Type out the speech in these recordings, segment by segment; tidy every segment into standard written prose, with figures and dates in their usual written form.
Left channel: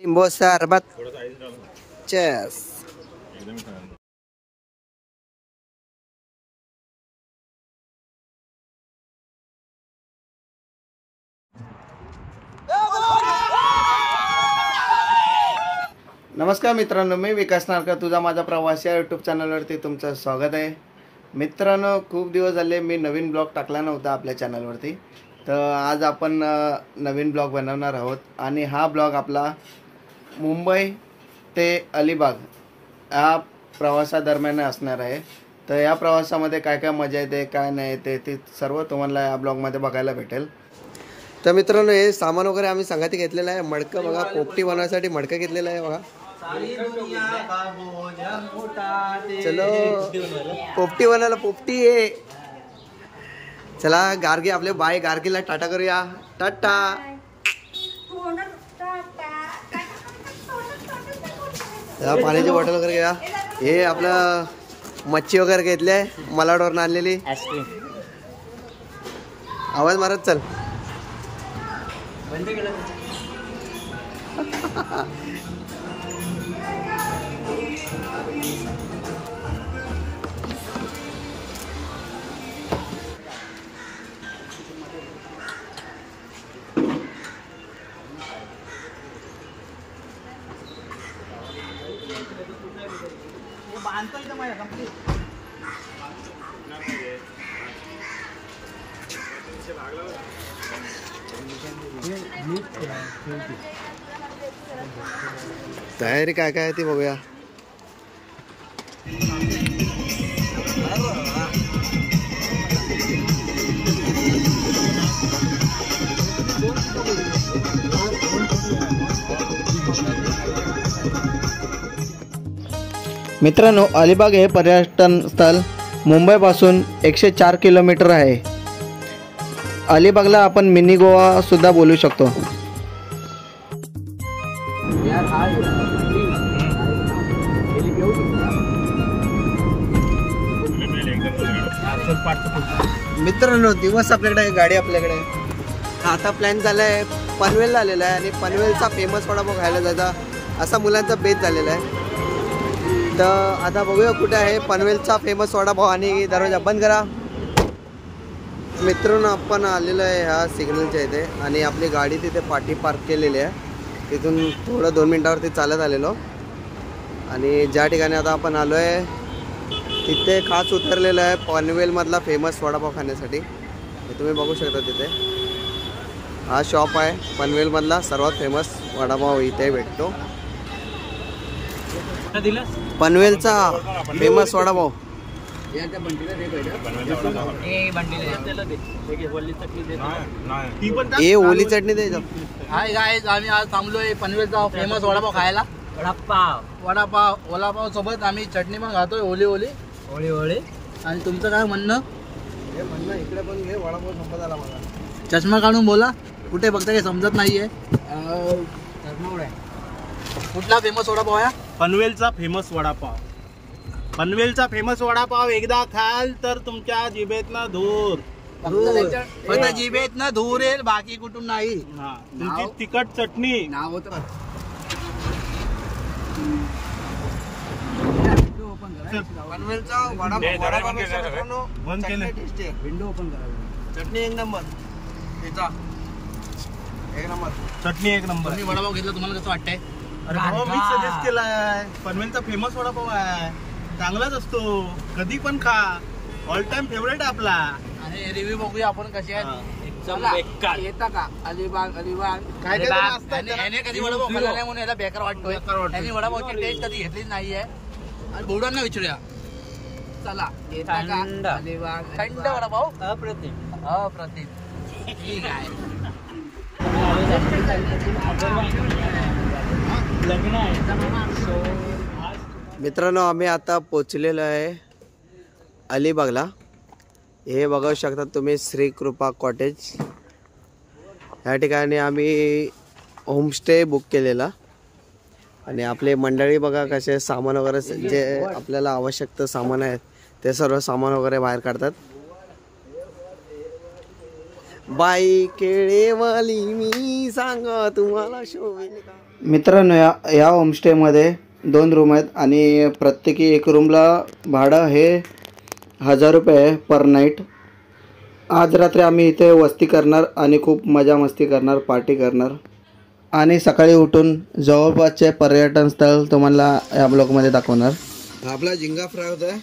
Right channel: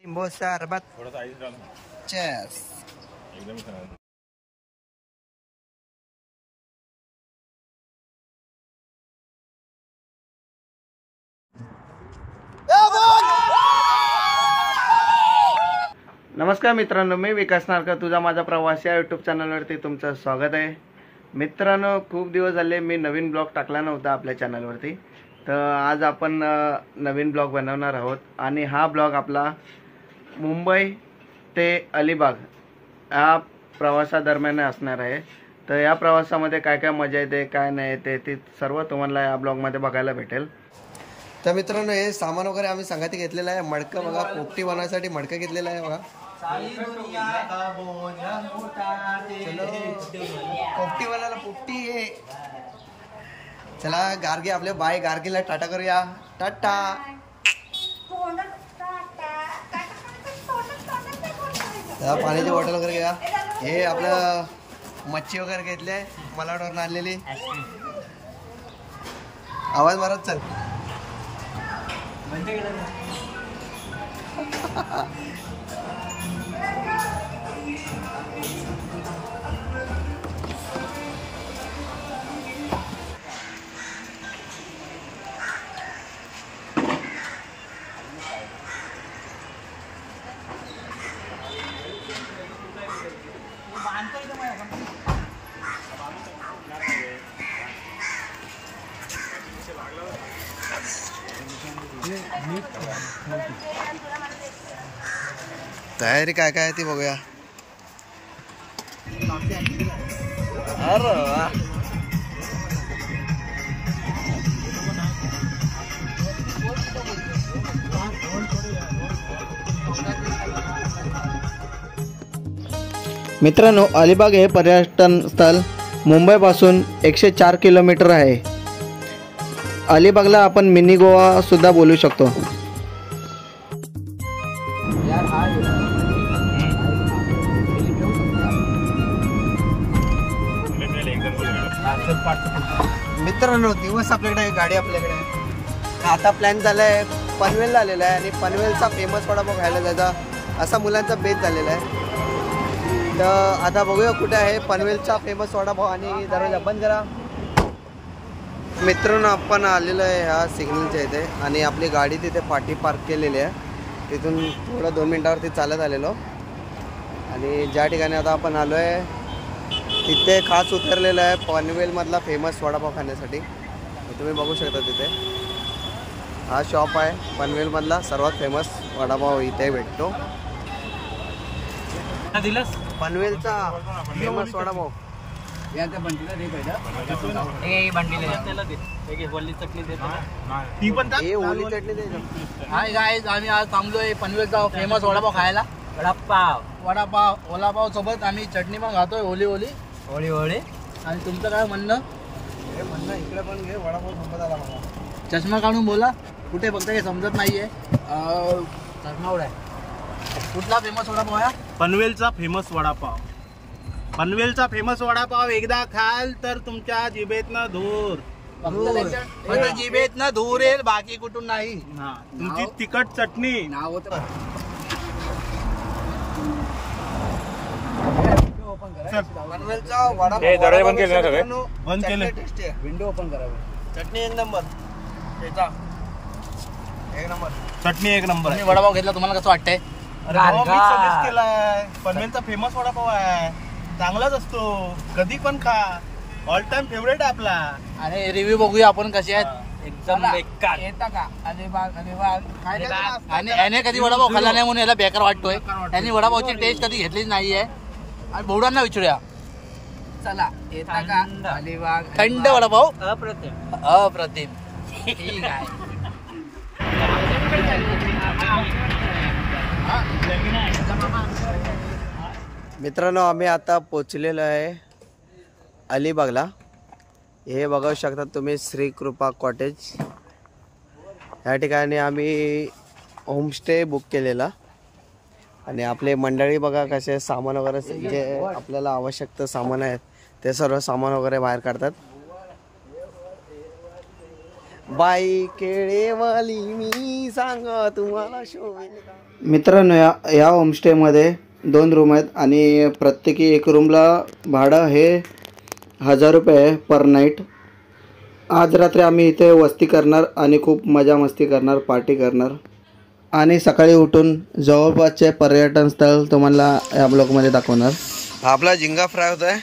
लिंबू सरबत चेस। नमस्कार मित्रांनो, मी विकास नारकर, तुझा माझा प्रवास या यूट्यूब चॅनलवरती तुमचं स्वागत आहे। मित्रांनो, खूप दिवस झाले मी नवीन ब्लॉग टाकला नव्हता आपल्या चॅनलवरती, तर आज आपण नवीन ब्लॉग बनवणार आहोत आणि हा ब्लॉग आपला मुंबई ते अलिबाग या प्रवासादरम्यान असणार आहे। तर या प्रवासामध्ये काय काय मजा येते काय नाही येते ते सर्व तुम्हाला या ब्लॉगमध्ये बघायला भेटेल। तर मित्रांनो, हे सामान वगैरे आम्ही संगती घेतलेलं आहे। मडकं बघा, पोपटी बनवण्यासाठी मडकं घेतलेलं आहे बघा। चलो पोपटी बनायला, पोपटी आहे। चला गार्गी, आपले बाय गार्गीला टाटा करूया, टाटा। पाण्याची बॉटल वगैरे घ्या। हे आपलं मच्छी वगैरे घेतली, मलाडवरून आणलेली। आवाज मारत चल। तयारी काय काय ती बघूया। मित्रांनो, अलिबाग हे पर्यटन स्थळ मुंबईपासून 104 किलोमीटर आहे। अलिबागला आपण मिनी गोवा सुद्धा बोलू शकतो। मित्रांनो, दिवस आपल्याकडे, गाडी आपल्याकडे, आता प्लॅन झालाय पनवेलला आलेला आहे आणि पनवेलचा फेमस वडापाव खायला जायचा असा मुलांचा बेत झालेला आहे। तर आता बघूया कुठे आहे पनवेलचा फेमस वडापाव आणि दरवाजा बंद करा। मित्रांनो, आपण आलेलो आहे ह्या सिग्नलच्या इथे आणि आपली गाडी तिथे पाठी पार्क केलेली आहे। तिथून थोडं 2 मिनिटावरती चालत आलेलो आणि ज्या ठिकाणी आता आपण आलो आहे तिथे खास उतरलेलं आहे पनवेलमधला फेमस वडापाव खाण्यासाठी। तुम्ही बघू शकता तिथे हा शॉप आहे पनवेलमधला सर्वात फेमस वडापाव इथे भेटतो। पनवेलचा फेमस वडापाव। हे ओली चटणी दे। हाय गाइस, आम्ही आज थांबलोय पनवेलचा फेमस वडापाव खायला। वडापाव सोबत आम्ही चटणी पण खातोय, ओली ओली। आणि तुमचं काय म्हणणं? हे म्हणणं इकडे पण घे, वडापाव संपत आला मला। चष्मा काढून बोला, कुठे बघता काही समजत नाहीये। कुठला फेमस वडापाव आहे? पनवेलचा फेमस वडापाव। पनवेलचा फेमस वडापाव एकदा खाल तर तुमच्या जिभेतनं धूर जिभेतनं धूर येईल, बाकी कुठून नाही। तुमची तिखट चटणी नाव होतं पनवेलचा वडापाव बंद केले, विंडो ओपन करा। चटणी एक नंबर, एक नंबर चटणी एक नंबर। तुम्ही वडापाव घेतला, तुम्हाला कसं वाटतंय? अरे भावा, मी सजेस्ट केलाय, पनवेलचा फेमस वडापाव आहे, चांगलाच असतो, कधी पण खा, ऑल टाइम फेवरेट आहे आपला। आणि रिव्ह्यू बघूया आपण कसे आहेत। एकदम बेकार येता का अलिबाग काय आणि याने कधी वडापाव खाल्ला नाही म्हणून याला बेकार वाटतोय। त्यांनी वडापावची टेस्ट कधी घेतलीच नाहीये। आणि बोडांना विचारूया, चला येता का अलिबाग थंड वडापाव? अप्रतिम ठीक आहे। मित्रांनो, आम्ही आता पोचलेलो आहे अलिबागला। हे बघू शकता तुम्ही, श्री कृपा कॉटेज या ठिकाणी आम्ही होमस्टे बुक केलेला आणि आपले मंडळी बघा कसे सामान वगैरे जे आपल्याला आवश्यक सामान आहेत ते सर्व सामान वगैरे बाहेर काढतात। बाई केळेवाली मी सांगा तुम्हाला शोभेल का? मित्रांनो, या होमस्टेमध्ये 2 रूम आहेत आणि प्रत्येकी एक रूमला भाडं हे 1000 रुपये आहे पर नाईट. आज रात्री आम्ही इथे वस्ती करणार आणि खूप मजा मस्ती करणार, पार्टी करणार आणि सकाळी उठून जवळपासचे पर्यटन स्थळ तुम्हाला या ब्लॉगमध्ये दाखवणार. आपला झिंगा फ्राय होत आहे.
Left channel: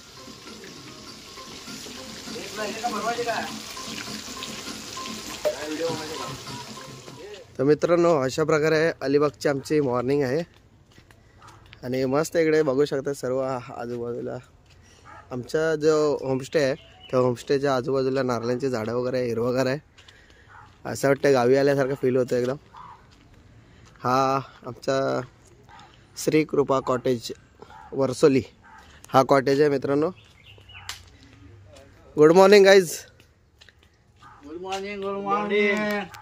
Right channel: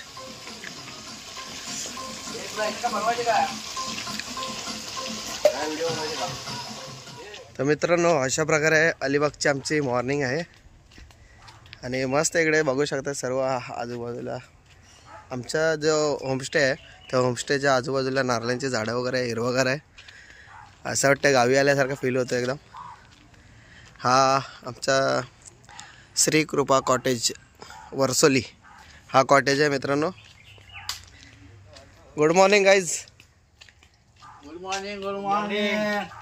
तर मित्रांनो, अशा प्रकारे अलिबागची आमची मॉर्निंग आहे आणि मस्त इकडे बघू शकता सर्व आजूबाजूला. आमचा जो होमस्टे आहे त्या होमस्टेच्या आजूबाजूला नारळांची झाडं वगैरे हिरवगार आहे. असं वाटतं गावी आल्यासारखं फील होतं एकदम. हा आमचा श्री कृपा कॉटेज वर्सोली हा कॉटेज आहे मित्रांनो. Good morning guys. Good morning. Good morning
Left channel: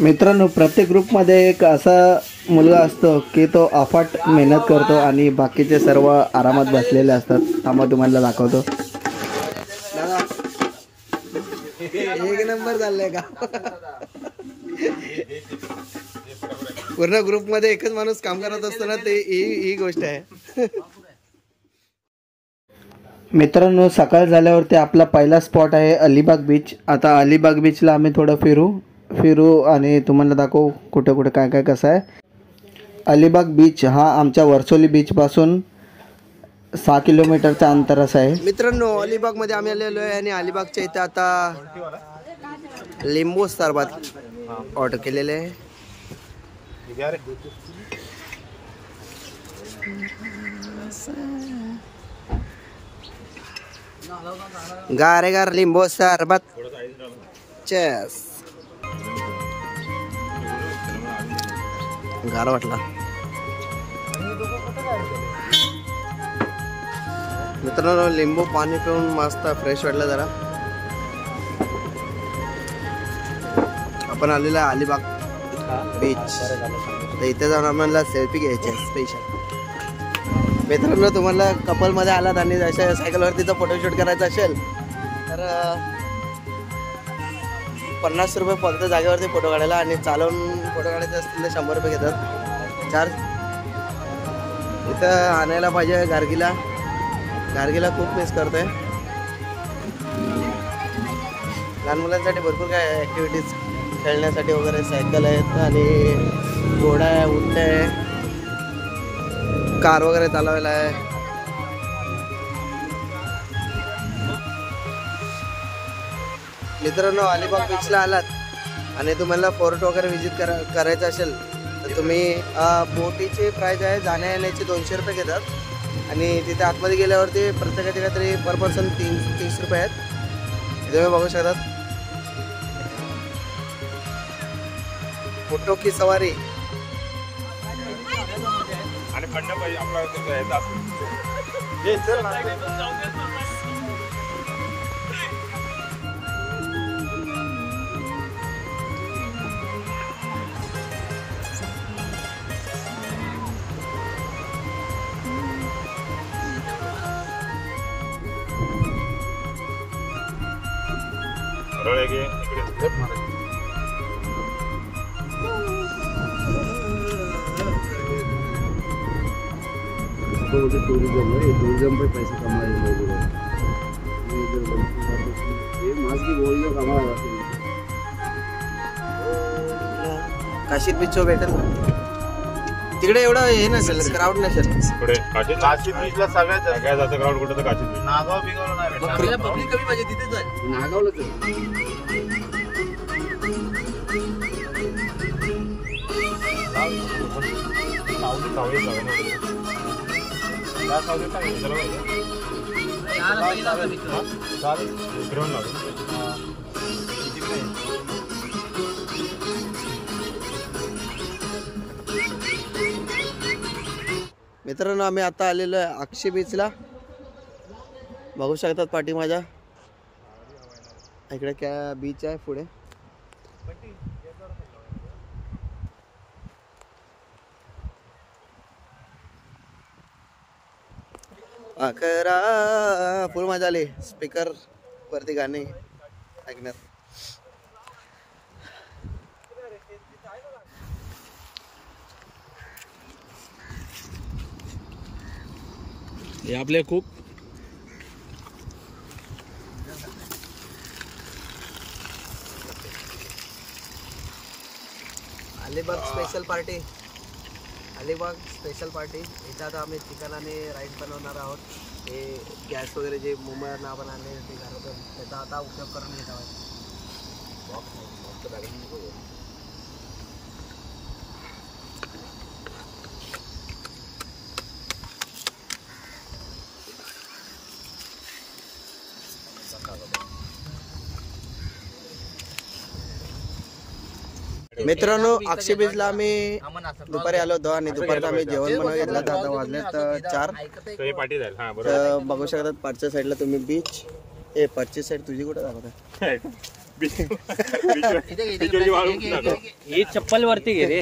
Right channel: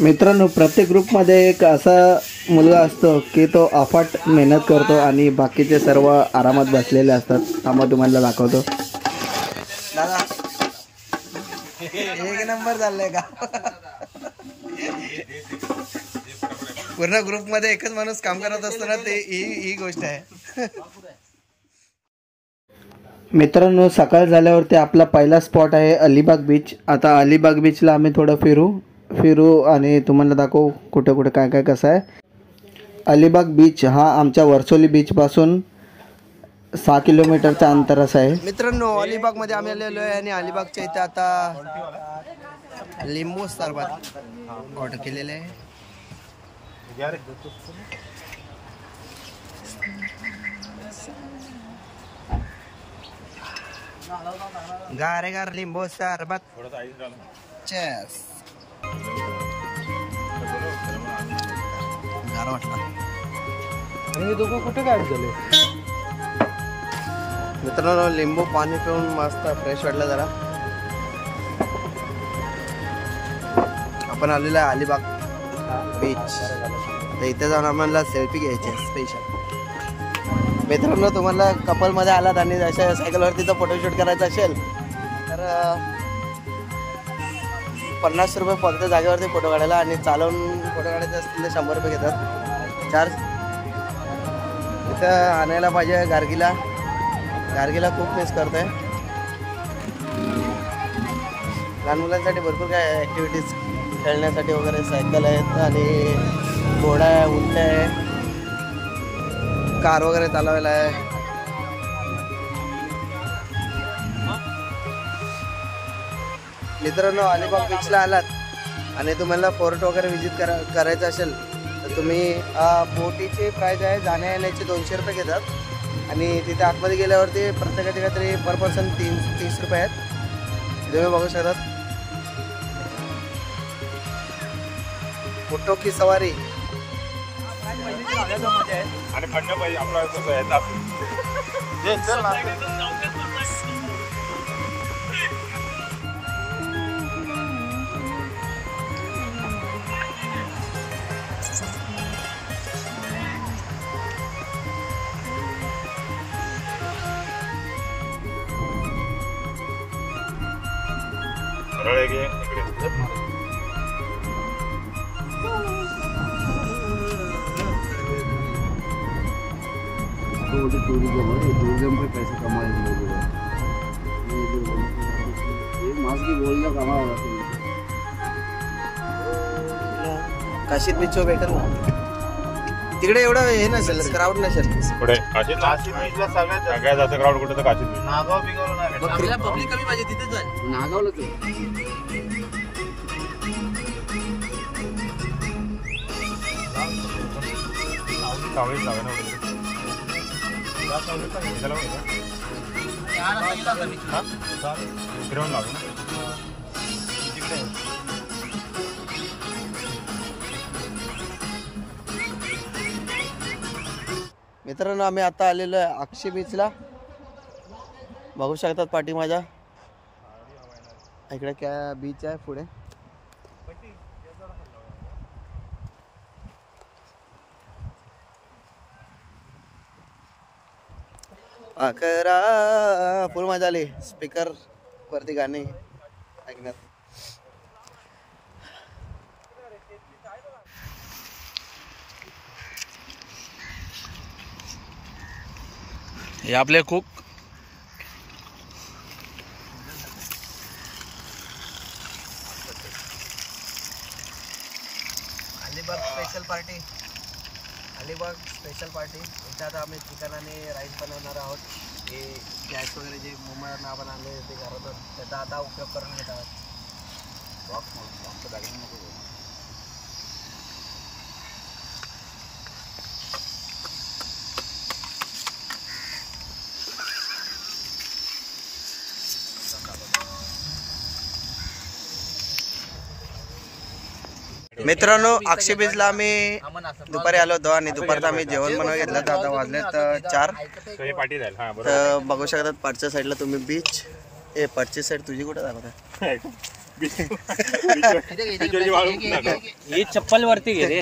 मित्रांनो, प्रत्येक ग्रुपमध्ये एक असा मुलगा असतो की तो अफाट मेहनत करतो आणि बाकीचे सर्व आरामात बसलेले असतात. थांबा तुम्हाला दाखवतो. दादा एक नंबर चाललंय का? पूर्ण ग्रुपमध्ये एकच माणूस काम करत असतो ना, ते ही गोष्ट आहे. मित्रांनो, सकाळ झाल्यावरती आपला पहिला स्पॉट आहे अलिबाग बीच. आता अलिबाग बीचला आम्ही थोडं फिरू आणि तुम्हाला दाखवू कुठे कुठे काय काय कसं आहे. अलिबाग बीच हा आमच्या वर्सोली बीचपासून 6 किलोमीटरच्या अंतरास आहे. मित्रांनो, अलिबागमध्ये आम्ही आलेलो आहे आणि अलिबागच्या इथे आता लिंबू सरबत ऑर्डर केलेले आहे. गार लिंबू सरबत. चेस. गार वाटला. मित्रांनो, लिंबू पाणी पिऊन मस्त फ्रेश वाटलं जरा. आपण आलेलो आहे अलिबाग बीच. आता इथे जाऊन आम्हाला सेल्फी घ्यायची आहे स्पेशल. मित्रांनो, तुम्हाला कपलमध्ये आलात आणि अशा सायकलवरती जर फोटोशूट करायचा असेल तर 50 रुपये पडतं जागेवरती फोटो काढायला आणि चालवून फोटो काढायचे असतील तर 100 रुपये घेतात चार्ज. इथं आणायला पाहिजे गार्गीला खूप मिस करतोय. लहान मुलांसाठी भरपूर काय ॲक्टिव्हिटीज खेळण्यासाठी वगैरे सायकल आहेत आणि घोडा आहे, उंट आहे, कार वगैरे चालवायला आहे. मित्रांनो, अलिबाग बीचला आलात आणि तुम्हाला फोर्ट वगैरे व्हिजिट करायचं असेल तर तुम्ही बोटीची प्राईज आहे जाण्या येण्याची 200 रुपये घेतात आणि तिथे आतमध्ये गेल्यावरती प्रत्येकाचे काहीतरी पर पर्सन 30 रुपये आहेत. तुम्ही बघू शकतात. फोटो की सवारी. टूरिज्म पे पैसे कमाने काशीत बीच भेटेल ना तिकडे. एवढं हे नसेल, क्राऊड नसेल. काशीत बीचला सगळ्यात जास्त क्राऊड कुठे तर काशीत बीच. नागाव पब्लिक कमी पाहिजे तिथेच आहे. नागावलं मित्रांनो, आम्ही आता आलेलो आहे अक्षय बीचला. बघू शकतात पाठी माझ्या इकडे काय बीच आहे पुढे. फुल मजा आली स्पीकर वरती गाणे ऐकण्यात. हे आपले cook. Alibag special party. Alibag special party. याच्यात आम्ही चिकन आणि राईस बनवणार आहोत. हे गॅस वगैरे जे मुंबईवरून आपण आणले ते घरातून त्याचा आता उपयोग करून घेत आहोत. मित्रांनो, अक्षय बीचला आम्ही दुपारी आलो होतो आणि दुपारचं आम्ही जेवण बनवून घेतलं. तर आता वाजलेत 4. तर बघू शकतात पाठच्या साईडला तुम्ही बीच. पाठची साईड तुझी कुठे दाखवत? चप्पल वरती घे रे,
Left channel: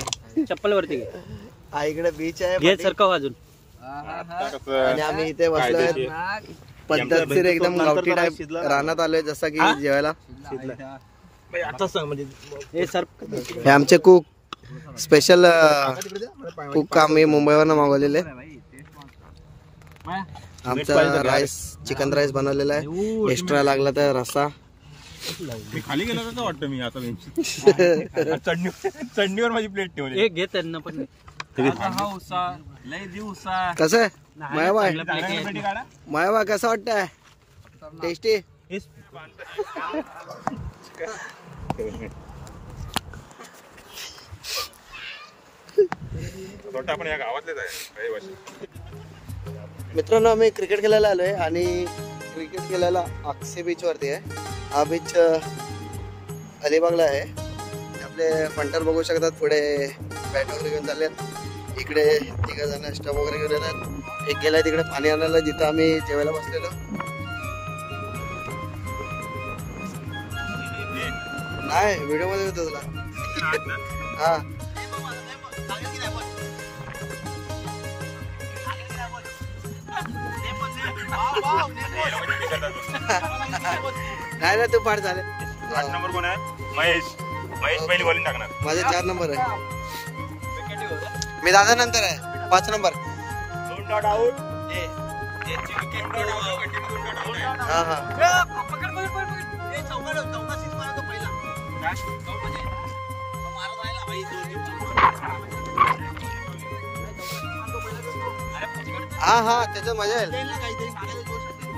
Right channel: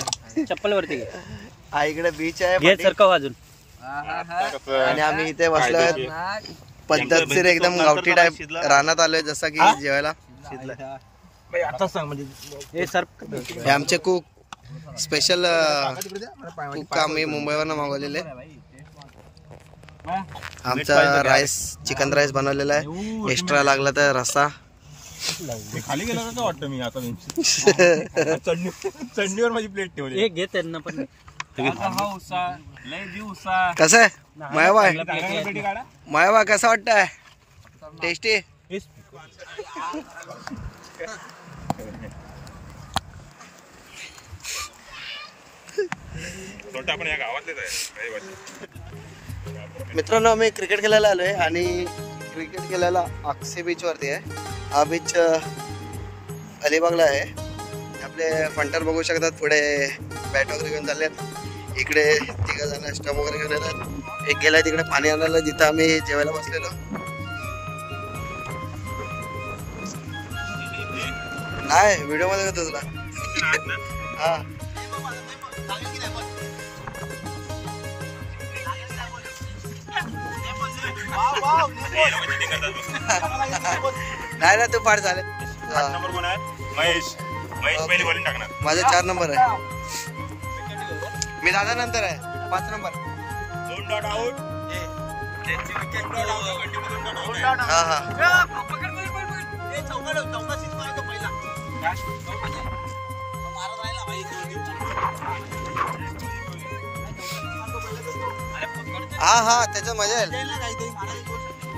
चप्पल वरती घे. इकडे बीच आहे सरका वाजून. आणि आम्ही इथे बसलोय पद्धतशीर एकदम गावठी टाईप रानात आलोय जसं की जेवायला. हे आमचे कुक स्पेशल कुक आम्ही मुंबईवरून मागवलेले. आमचा राईस चिकन राईस बनवलेला आहे. एक्स्ट्रा लागला तर रस्सा. खाली गेला तर वाटतं मी आता चटणीवर माझी प्लेट ठेवली. एक घे त्यांना पण. कसं आहे मायाबाई? मायाबाई कसं वाटतंय? टेस्टी. मित्रांनो, आम्ही क्रिकेट खेळायला आलोय आणि क्रिकेट खेळायला अक्षय बीच वरती आहे. हा बीच अलिबागला आहे. आपले फंटर बघू शकतात पुढे बॅट वगैरे घेऊन चाललेत. इकडे 3 जण स्टंप वगैरे घेऊन येतात. एक गेलाय तिकडे पाणी आणायला जिथं आम्ही जेवायला बसलेलो. नाही, व्हिडिओ मध्ये होतो तुला. हा नाही ना, तू फार झाले. माझा 4 नंबर आहे. मी दादा नंतर आहे 5 नंबर. हा हा हा हा त्याचं मजा येईल.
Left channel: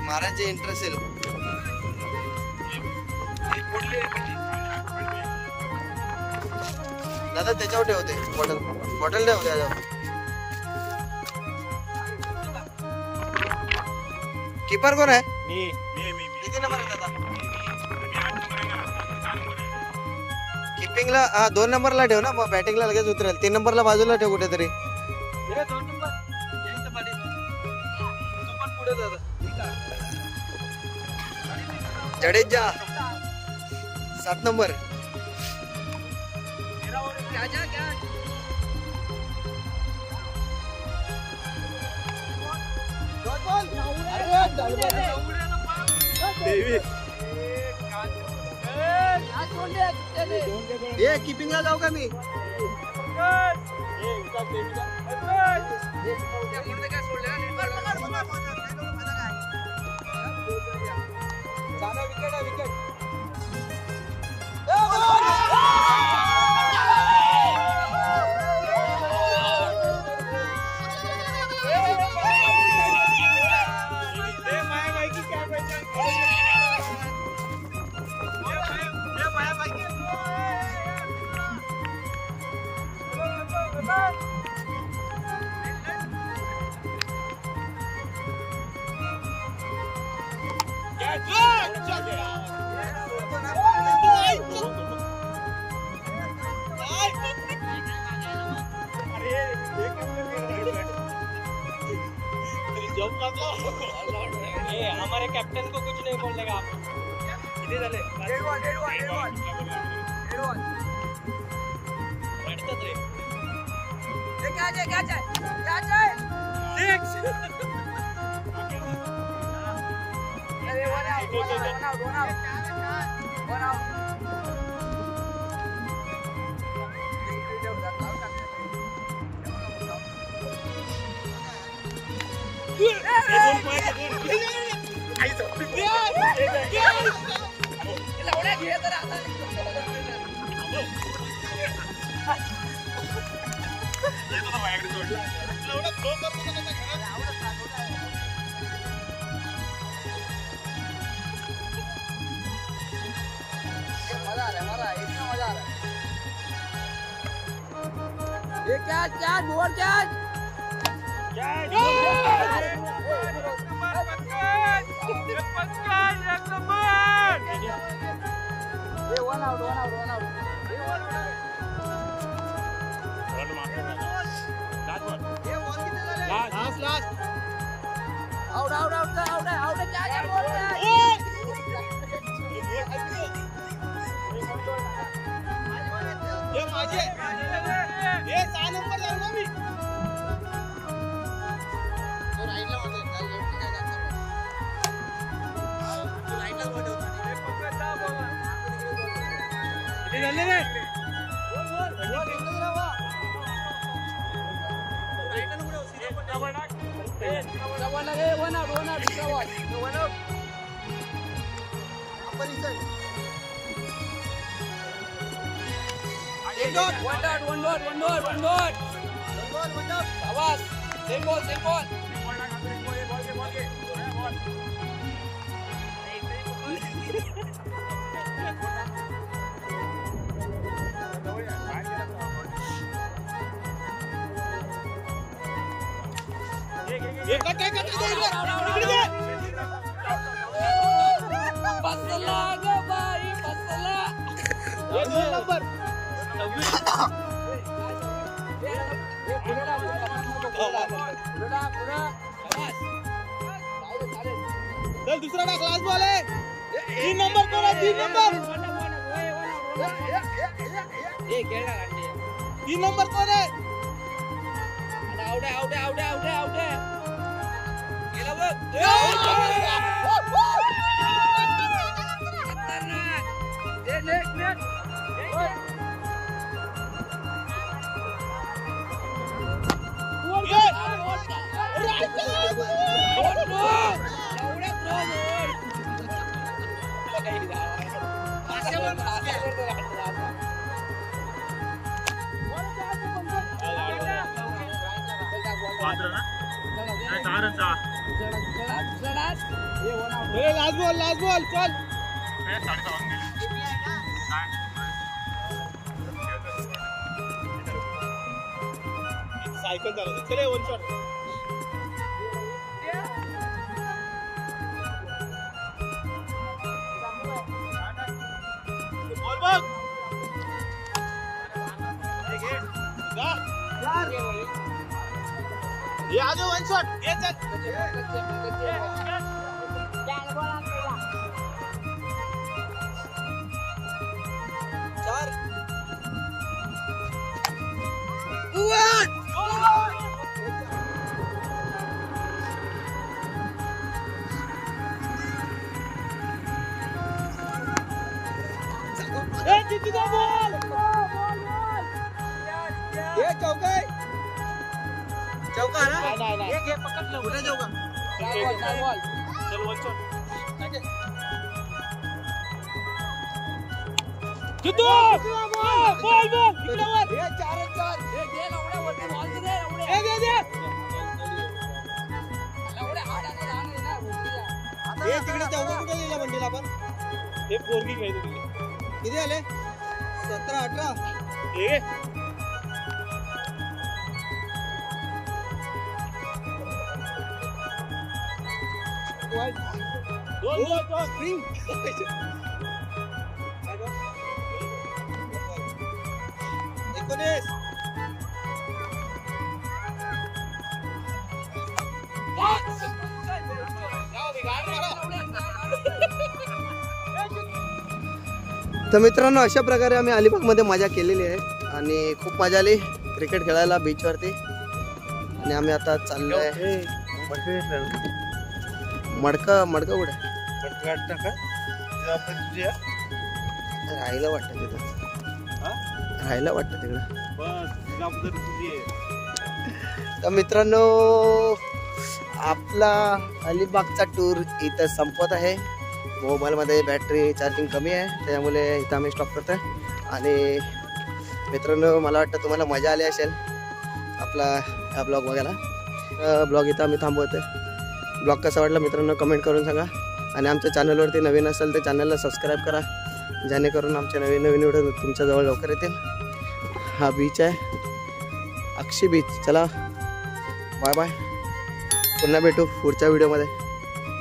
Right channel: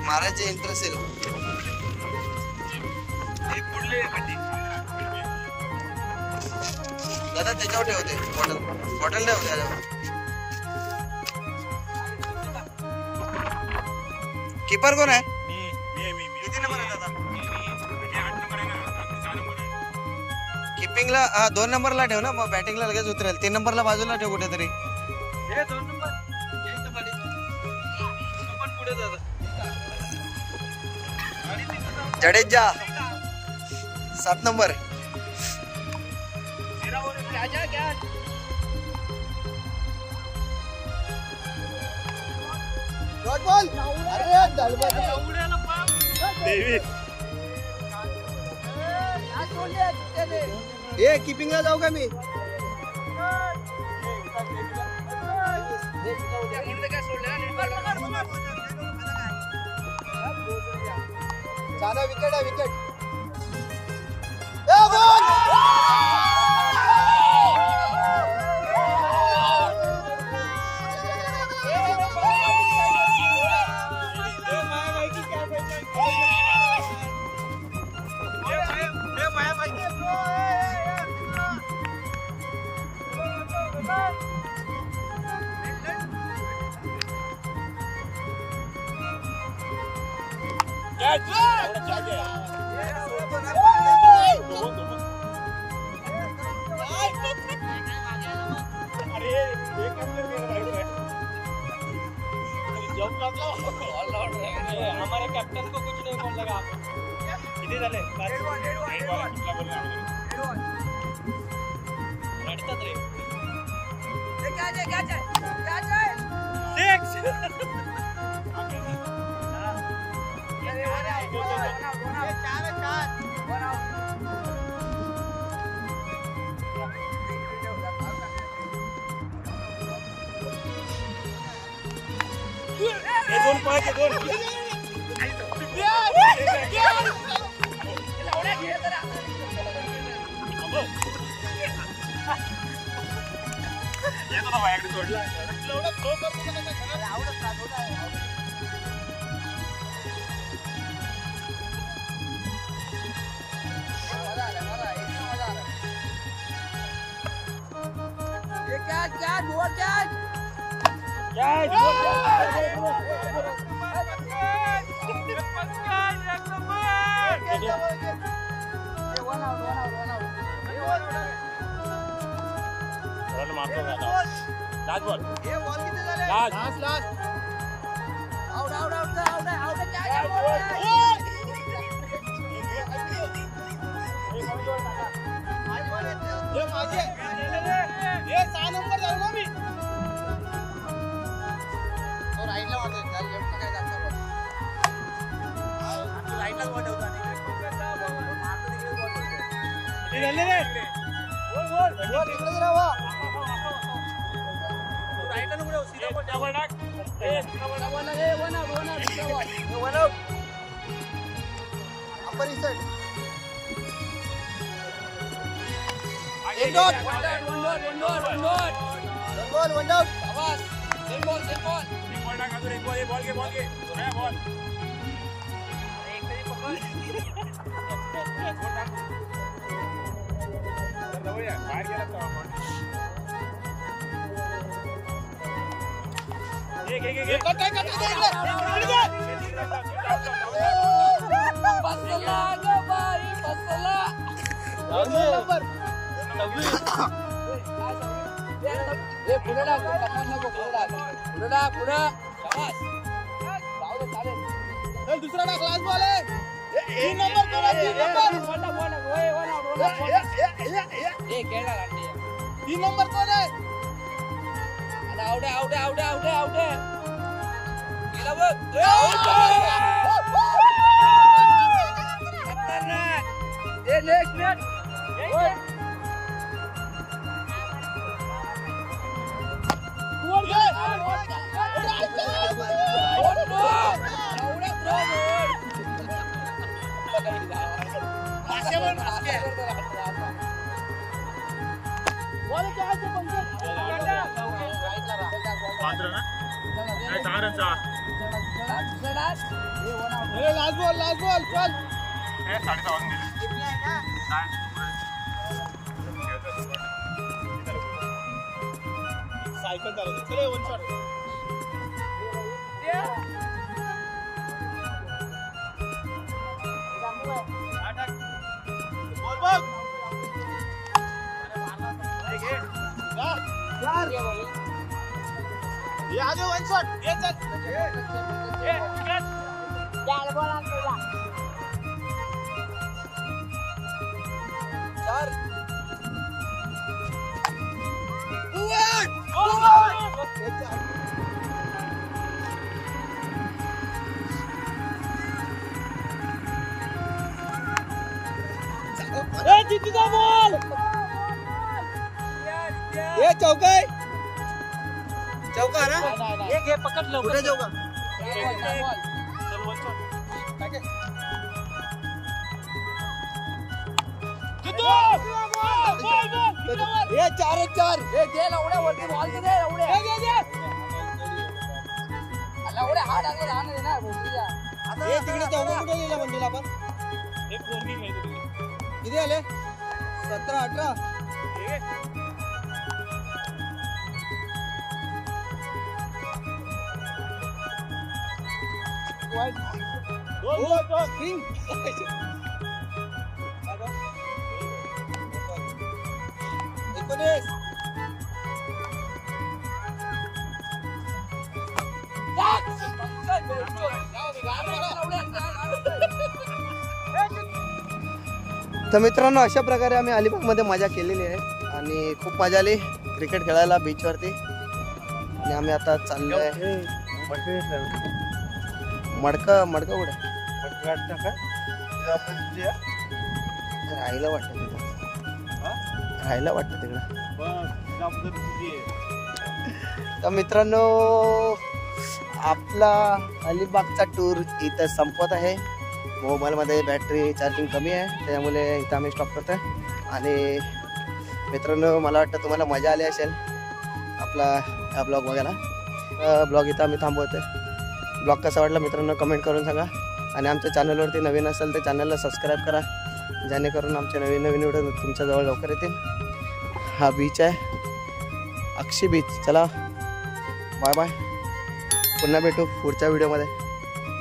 मारायचे इंटरेस्ट येईल. दादा त्याच्यावर ठेवते बॉटल. बॉटल ठेव दादा. कीपर कोण आहे? किती नंबर आहे दादा? किपिंगला 2 नंबरला ठेव ना, मग बॅटिंगला लगेच उतरेल. 3 नंबरला बाजूला ठेव कुठेतरी. जडेजा 7 नंबर. ये कीपिंगला जाऊ का मी? हमारे कैप्टन को कुछ नहीं बोलने का आप. किती झाले? रडतात रे. दुसरा क्लास बॉल आहे 3 नंबर कोण 3 नंबर 3 नंबर कोण आहे आउट गेला लास्ट बॉल चल सायकल चालू चले वन शॉट ये आ जाओ वन शॉट ये ये चौका है ना एक पकड़ लो कुठे जाऊ का चल वन शॉट किती बॉल हे 4-4 हे गेल एवढ्या वरती बॉल दे एवढे हे दे एवढे हाड आले राहणार ना भोसरीला हे तिकडे चौका कुठे गेला मंडीला आपण हे पोरगी खेळतो किती आले 17-18 हे दोन स्प्रिंग तर मित्रांनो अशा प्रकारे आम्ही अलिबागमध्ये मजा केलेली आहे आणि खूप मजा आली क्रिकेट खेळायला बीचवरती आणि आम्ही आता चाललोय मडका कुठे राहायला वाटतं तिकडं तर मित्रांनो आपला अलिबागचा टूर इथं संपत आहे. मोबाईलमध्ये बॅटरी चार्जिंग कमी आहे त्यामुळे इथं आम्ही स्टॉप करतो. आणि मित्रांनो मला वाटतं तुम्हाला मजा आली असेल आपला हा ब्लॉग बघायला. ब्लॉग इथं आम्ही थांबवतो. ब्लॉग कसा वाटला मित्रांनो कमेंट करून सांगा. आणि आमच्या चॅनलवरती नवीन असेल तर चॅनलला सबस्क्राईब करा जेणेकरून आमचे नवीन नवीन व्हिडिओ तुमच्याजवळ लवकर येतील. हा बीच आहे अक्षी बीच. चला बाय बाय. पुन्हा भेटू पुढच्या व्हिडिओमध्ये.